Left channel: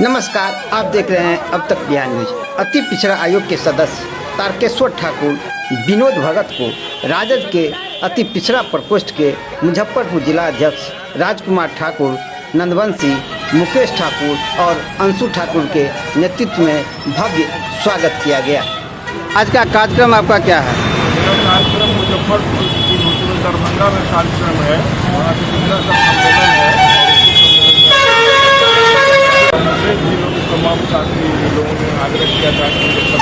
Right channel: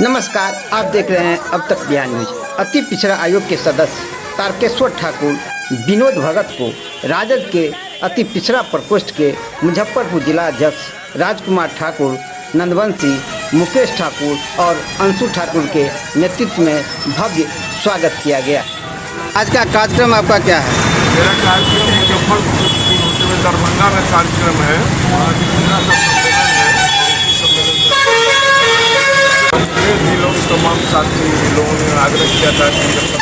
नमस्कार, आप देख रहे हैं अब तक बिहार न्यूज। अति पिछड़ा आयोग के सदस्य तारकेश्वर ठाकुर विनोद भगत को राजद के अति पिछड़ा प्रकोष्ठ के मुजफ्फरपुर जिला अध्यक्ष राजकुमार ठाकुर, नंदवंशी, मुकेश ठाकुर और अंशु ठाकुर के नेतृत्व में भव्य स्वागत किया गया। आज का कार्यक्रम आपका क्या है? मेरा कार्यक्रम मुजफ्फरपुर होते हुए दरभंगा में कार्यक्रम है। वहाँ जिला का सम्मेलन है। भी लोग तमाम साथी लोगों ने आग्रह किया था कि मुजफ्फरपुर,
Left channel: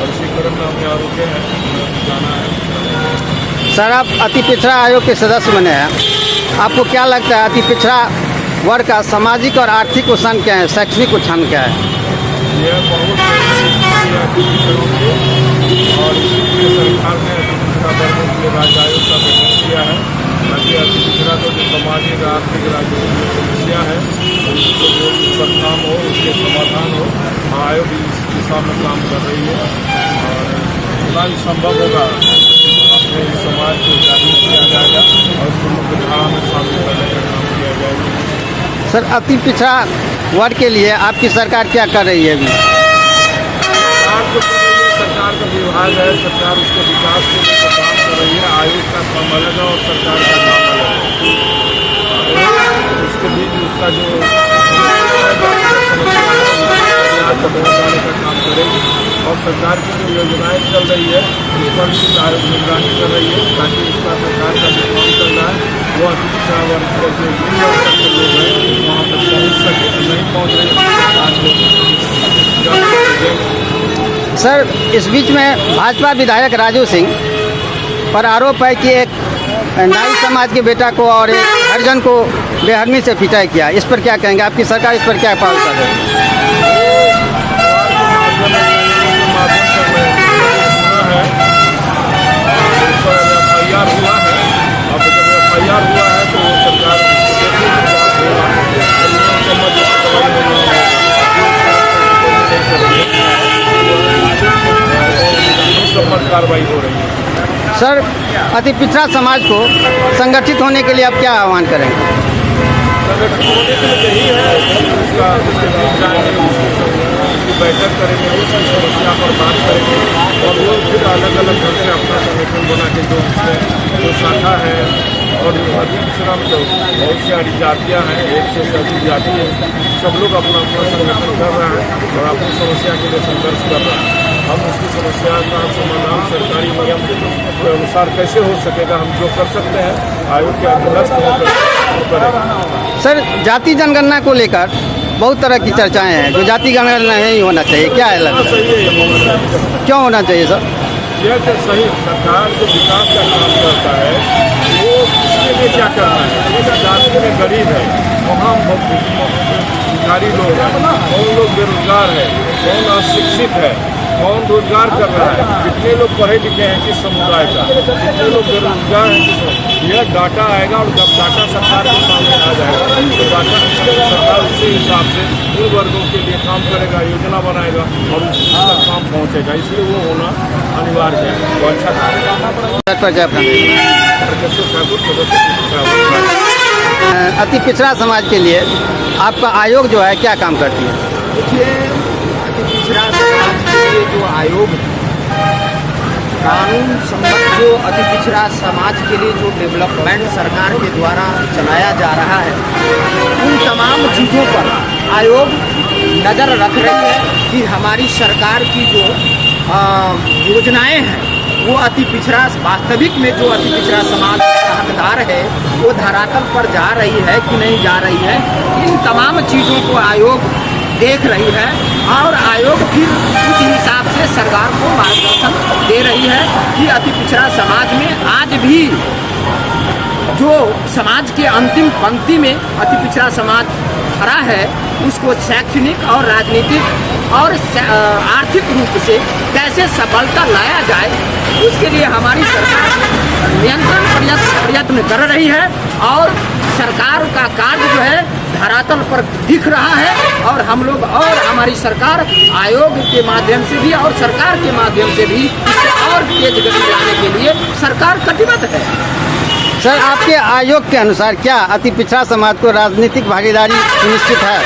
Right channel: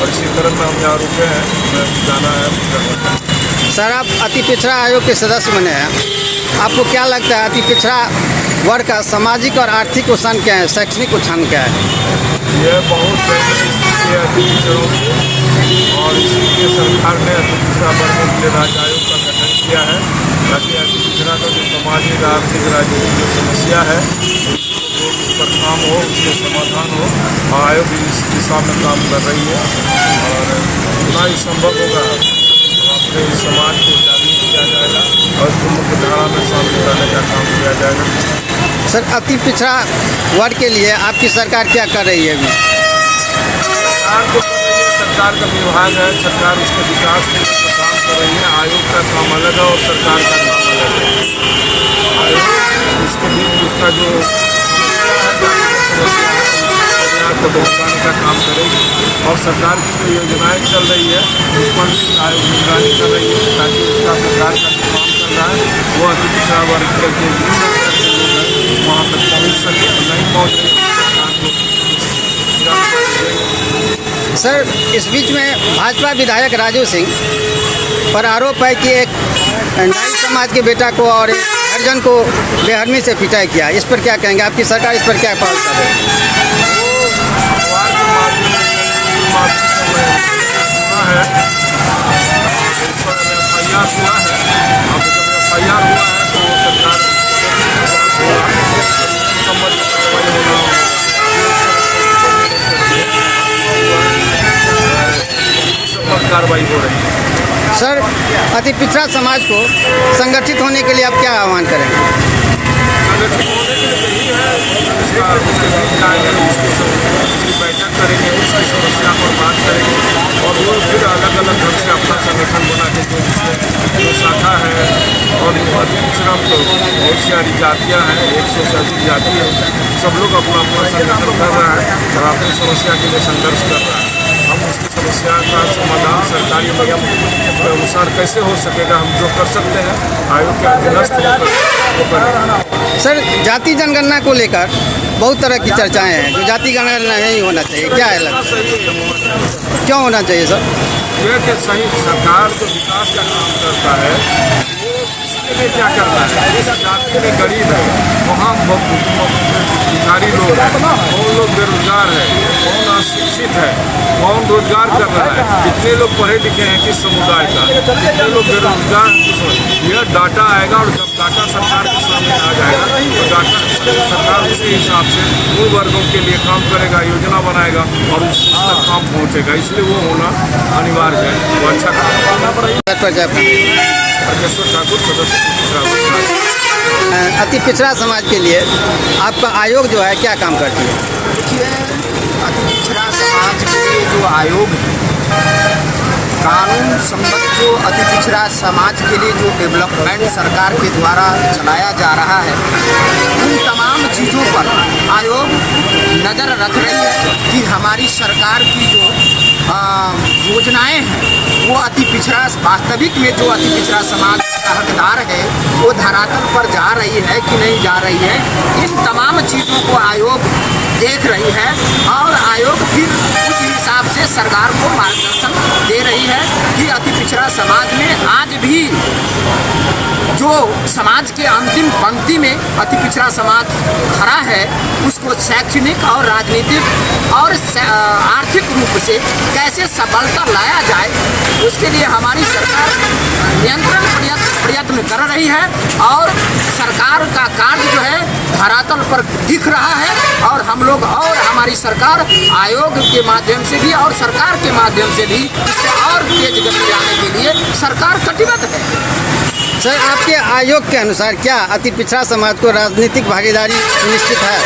और इसी तरह में हम यहाँ रुके हैं। हमें जाना है। सर, आप अति पिछड़ा आयोग के सदस्य बने हैं, आपको क्या लगता है अति पिछड़ा वर्ग का सामाजिक और आर्थिक उत्थान क्या है, शैक्षणिक उत्थान क्या है? यह बहुत नई स्थिति है अति पिछड़ों की, और इसीलिए सरकार ने अति पिछड़ा वर्गों के लिए राज्य आयोग का गठन किया है, ताकि अति पिछड़ा का जो सामाजिक आर्थिक राजनीतिक जो समस्या है उस पर काम हो, उसके समाधान हो। आयोग इस दिशा में काम कर रही है और जितना ही संभव होगा अपने समाज को जागरूक किया जाएगा और उसको मुख्य धारा में शामिल करने का काम किया जाएगा। सर, अति पिछड़ा वर्ग के लिए आपकी सरकार क्या कर रही है? अभी सरकार जो कर रही है, सरकार का विभाग है, सरकार उसके विकास के लिए जो काम कर रही है। आयोग का काम अलग है और सरकार का काम अलग है। आयोग उसके बीच उसका जो समस्या है, जातिगत समस्या है, उसको कदम उठाने का काम करेगी, और सरकार की जो योजनाएं चल रही है उस पर भी आयोग निगरानी कर रही है, ताकि उसका सरकार का जो काम चल रहा है वो अति पिछड़ा वर्ग के जो लोग हैं वहाँ तक पहुँच सके। नहीं पहुँच रही है सरकार को। सर, इस बीच में भाजपा विधायक राजू सिंह पर आरोप है कि एक नाई समाज के बेटा को और एक हरिजन को बेहरमी से पिटाई किया। इस पर क्या कहेंगे? आपकी सरकार इस पर क्या पहल कर रही है? FIR हुआ है। अब जब FIR हुआ है तो सरकार कार्रवाई हो रही है। सर, अति पिछड़ा समाज को संगठित होने के लिए आप क्या आह्वान करेंगे? संगठित होने के लिए यही है, उसके बीच जाएंगे, उसकी बैठक करेंगे, उसकी समस्या पर बात करेंगे, और वो फिर अलग अलग ढंग से अपना संगठन बना के जो उसमें जो शाखा है, और जो अति पिछड़ा तो बहुत सारी जातियाँ हैं, 100 से अधिक जाति है, सब लोग अपना अपना संगठन कर रहा है और अपनी समस्या के लिए संघर्ष कर रहा है। हम उसकी समस्या का समाधान सरकारी नियम के अनुसार कैसे हो सकेगा, हम जो कर सकते हैं आयोग के अधीनस्थ होकर करें। सर, जाति जनगणना को लेकर बहुत तरह की चर्चाएं हैं, जो जाति जनगणना नहीं होना चाहिए, क्या है लगता है? सही है, होना चाहिए। क्यों होना चाहिए सर? यह कि सही सरकार जो विकास का काम करता है वो उसके लिए क्या करना है। जिस जाति में गरीब है वहाँ भिखारी लोग हैं, कौन लोग बेरोजगार है, कौन अशिक्षित है, कौन रोजगार कर रहा है, कितने लोग पढ़े लिखे हैं किस समुदाय का, कितने लोग बेरोजगार हैं किस, यह डाटा आएगा। और जब डाटा सरकार के सामने आ जाएगा तो डाटा सरकार उसी हिसाब से उन वर्गों के लिए काम करेगा, योजना बनाएगा और उस तक काम पहुँचेगा। इसलिए वो होना अनिवार्य है, वो अच्छा काम है। तारकेश्वर ठाकुर, सदस्य अति पिछड़ा समाज के लिए आपका आयोग जो है क्या काम करती है? देखिए, अति पिछड़ा समाज के लिए जो आयोग है, कानून सम्मत जो अति पिछड़ा समाज के लिए जो डेवलपमेंट सरकार के द्वारा चलाया जा रहा है, उन तमाम चीज़ों पर आयोग नज़र रख रही है कि हमारी सरकार की जो योजनाएं हैं वो अति पिछड़ा वास्तविक में जो अति पिछड़ा समाज का हकदार है वो धरातल पर जा रही है कि नहीं जा रही है। इन तमाम चीज़ों को आयोग देख रही है और आयोग फिर उस हिसाब से सरकार को मार्गदर्शन दे रही है कि अति पिछड़ा समाज में आज भी जो समाज के अंतिम पंक्ति में अति पिछड़ा समाज खड़ा है उसको शैक्षणिक और राजनीतिक और आर्थिक रूप से कैसे सफलता लाया जाए, उसके लिए हमारी सरकार नियंत्रण प्रयत्न कर रही है। और सरकार का कार्य जो है धरातल पर दिख रहा है और हम लोग और हमारी सरकार आयोग के माध्यम से भी और सरकार के माध्यम से भी इससे और तेज गति लाने के लिए सरकार कटिबद्ध है। सर, आपके आयोग के अनुसार क्या अति पिछड़ा समाज को राजनीतिक भागीदारी सुनिश्चित है?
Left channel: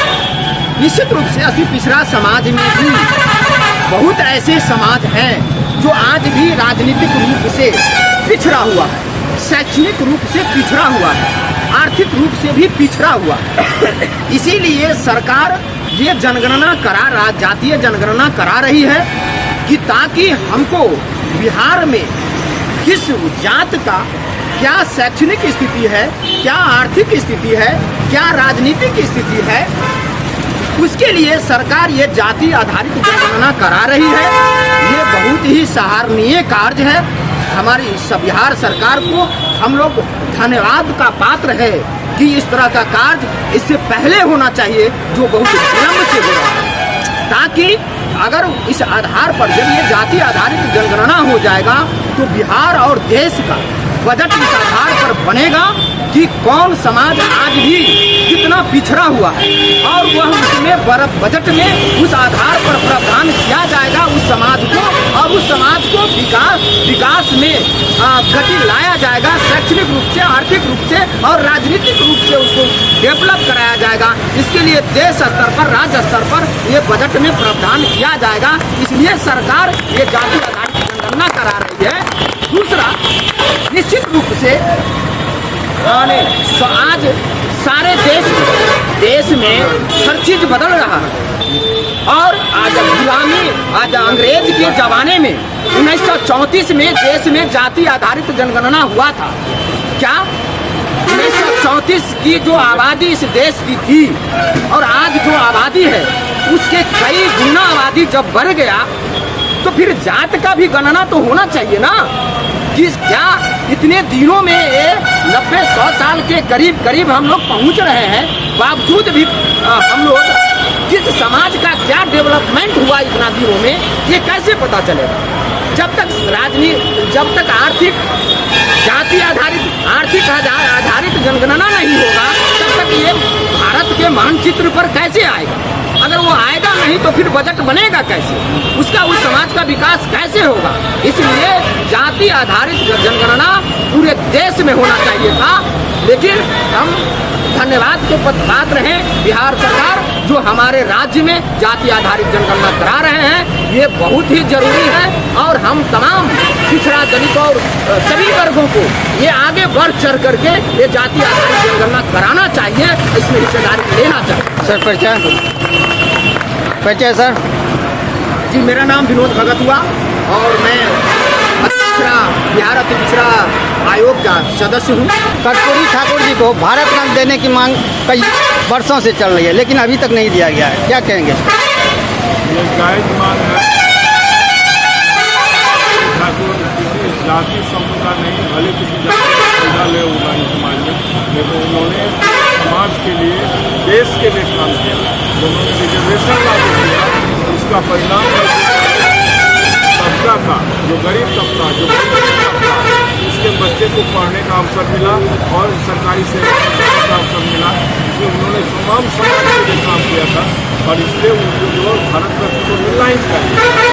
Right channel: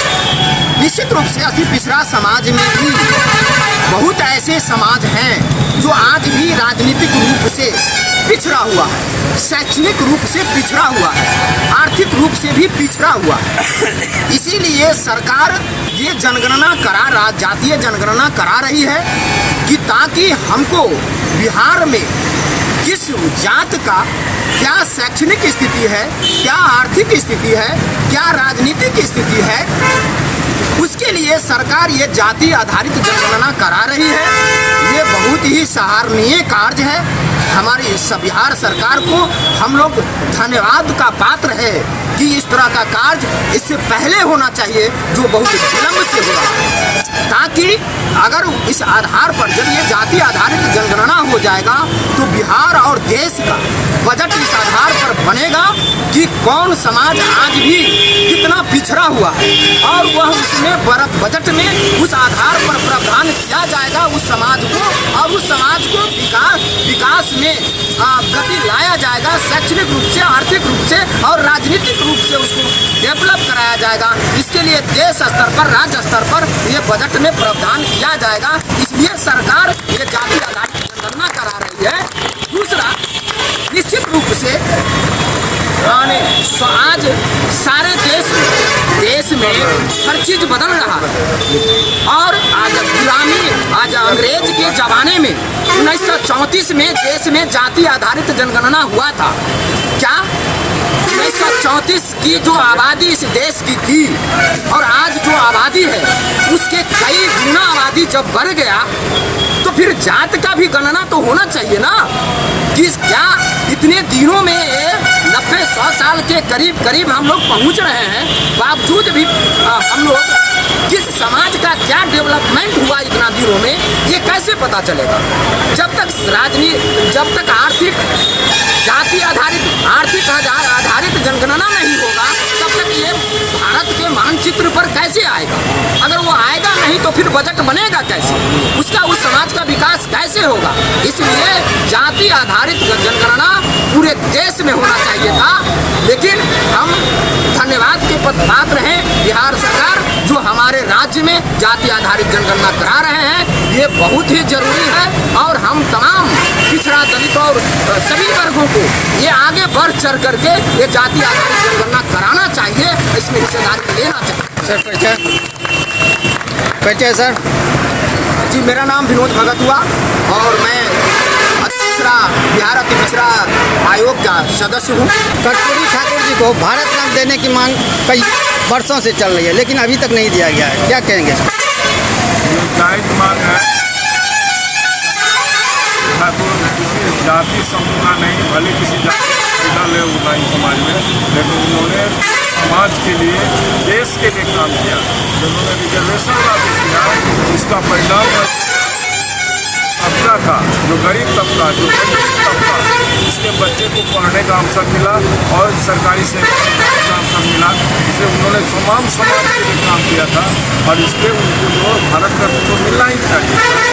निश्चित रूप से अति पिछड़ा समाज में भी बहुत ऐसे समाज हैं जो आज भी राजनीतिक रूप से पिछड़ा हुआ है, शैक्षणिक रूप से पिछड़ा हुआ है, आर्थिक रूप से भी पिछड़ा हुआ है। इसीलिए सरकार ये जनगणना जातीय जनगणना करा रही है कि ताकि हमको बिहार में किस जात का क्या शैक्षणिक स्थिति है, क्या आर्थिक स्थिति है, क्या राजनीतिक स्थिति है, उसके लिए सरकार ये जाति आधारित जनगणना करा रही है। ये बहुत ही सराहनीय कार्य है। हमारी बिहार सरकार को हम लोग धन्यवाद का पात्र है कि इस तरह का कार्य इससे पहले होना चाहिए जो बहुत विलम्ब से हो रहा है, ताकि अगर इस आधार पर जब ये जाति आधारित जनगणना हो जाएगा तो बिहार और देश का बजट इस आधार पर बनेगा कि कौन समाज आज भी कितना पिछड़ा हुआ है और वह उसमें बजट में उस आधार पर प्रावधान किया जाएगा उस समाज को, और उस समाज को विकास में गति लाया जाएगा, शैक्षणिक रूप से, आर्थिक रूप से और राजनीतिक रूप से उसको डेवलप कराया जाएगा। इसके लिए देश स्तर पर, राज्य स्तर पर ये बजट में प्रावधान किया जाएगा। इसलिए सरकार ये जाति आधारित जनगणना करा रही है। दूसरा, निश्चित रूप से आज सारे देश में हर चीज बदल रहा है और आज अंग्रेज के जमाने में 1934 में देश में जाति आधारित जनगणना हुआ था। क्या 1934 की जो आबादी इस देश की थी और आज जो आबादी है उसके कई गुना आबादी जब बढ़ गया तो फिर जात का भी गणना तो होना चाहिए ना कि क्या इतने दिनों में 90-100 साल के करीब हम लोग पहुंच रहे हैं, बावजूद भी हम लोग किस समाज का क्या डेवलपमेंट हुआ इतना दिनों में ये कैसे पता चलेगा? जब तक आर्थिक जाति आधारित जनगणना नहीं होगा तब तक ये भारत के मानचित्र पर कैसे आएगा? अगर वो आएगा नहीं तो फिर बजट बनेगा कैसे? उसका उस समाज का विकास कैसे होगा? इसलिए जाति आधारित जनगणना पूरे देश में होना चाहिए था, लेकिन हम धन्यवाद के पात्र हैं बिहार सरकार जो हमारे राज्य में जाति आधारित जनगणना करा रहे हैं। ये बहुत ही जरूरी है और हम तमाम पिछड़ा दलित और सभी वर्गों को ये आगे बढ़ चढ़ करके ये जाति आधारित जनगणना कराना चाहिए, इसमें हिस्सेदारी लेना चाहिए। सर परिचय सर जी, मेरा नाम विनोद भगत हुआ और मैं बिहार अति पिछड़ा आयोग का सदस्य हूँ। कर्पूरी ठाकुर जी को भारत रत्न देने की मांग कई वर्षों से चल रही है लेकिन अभी तक नहीं दिया गया है, क्या कहेंगे इस पर? ये जायज मांग है। ठाकुर किसी जाति समूह का नहीं, भले किसी जाति का फायदा ले होगा इस समाज में, लेकिन उन्होंने समाज के लिए, देश के लिए काम किया। उन्होंने रिजर्वेशन लागू किया, उसका परिणाम तबका का, जो गरीब तबका, जो तबका, उसके बच्चे को पढ़ने का अवसर मिला और सरकारी सेवा का अवसर मिला। इसलिए उन्होंने तमाम समाज के लिए काम किया था और इसलिए उनको जो भारत रत्न तो मिलना ही चाहिए।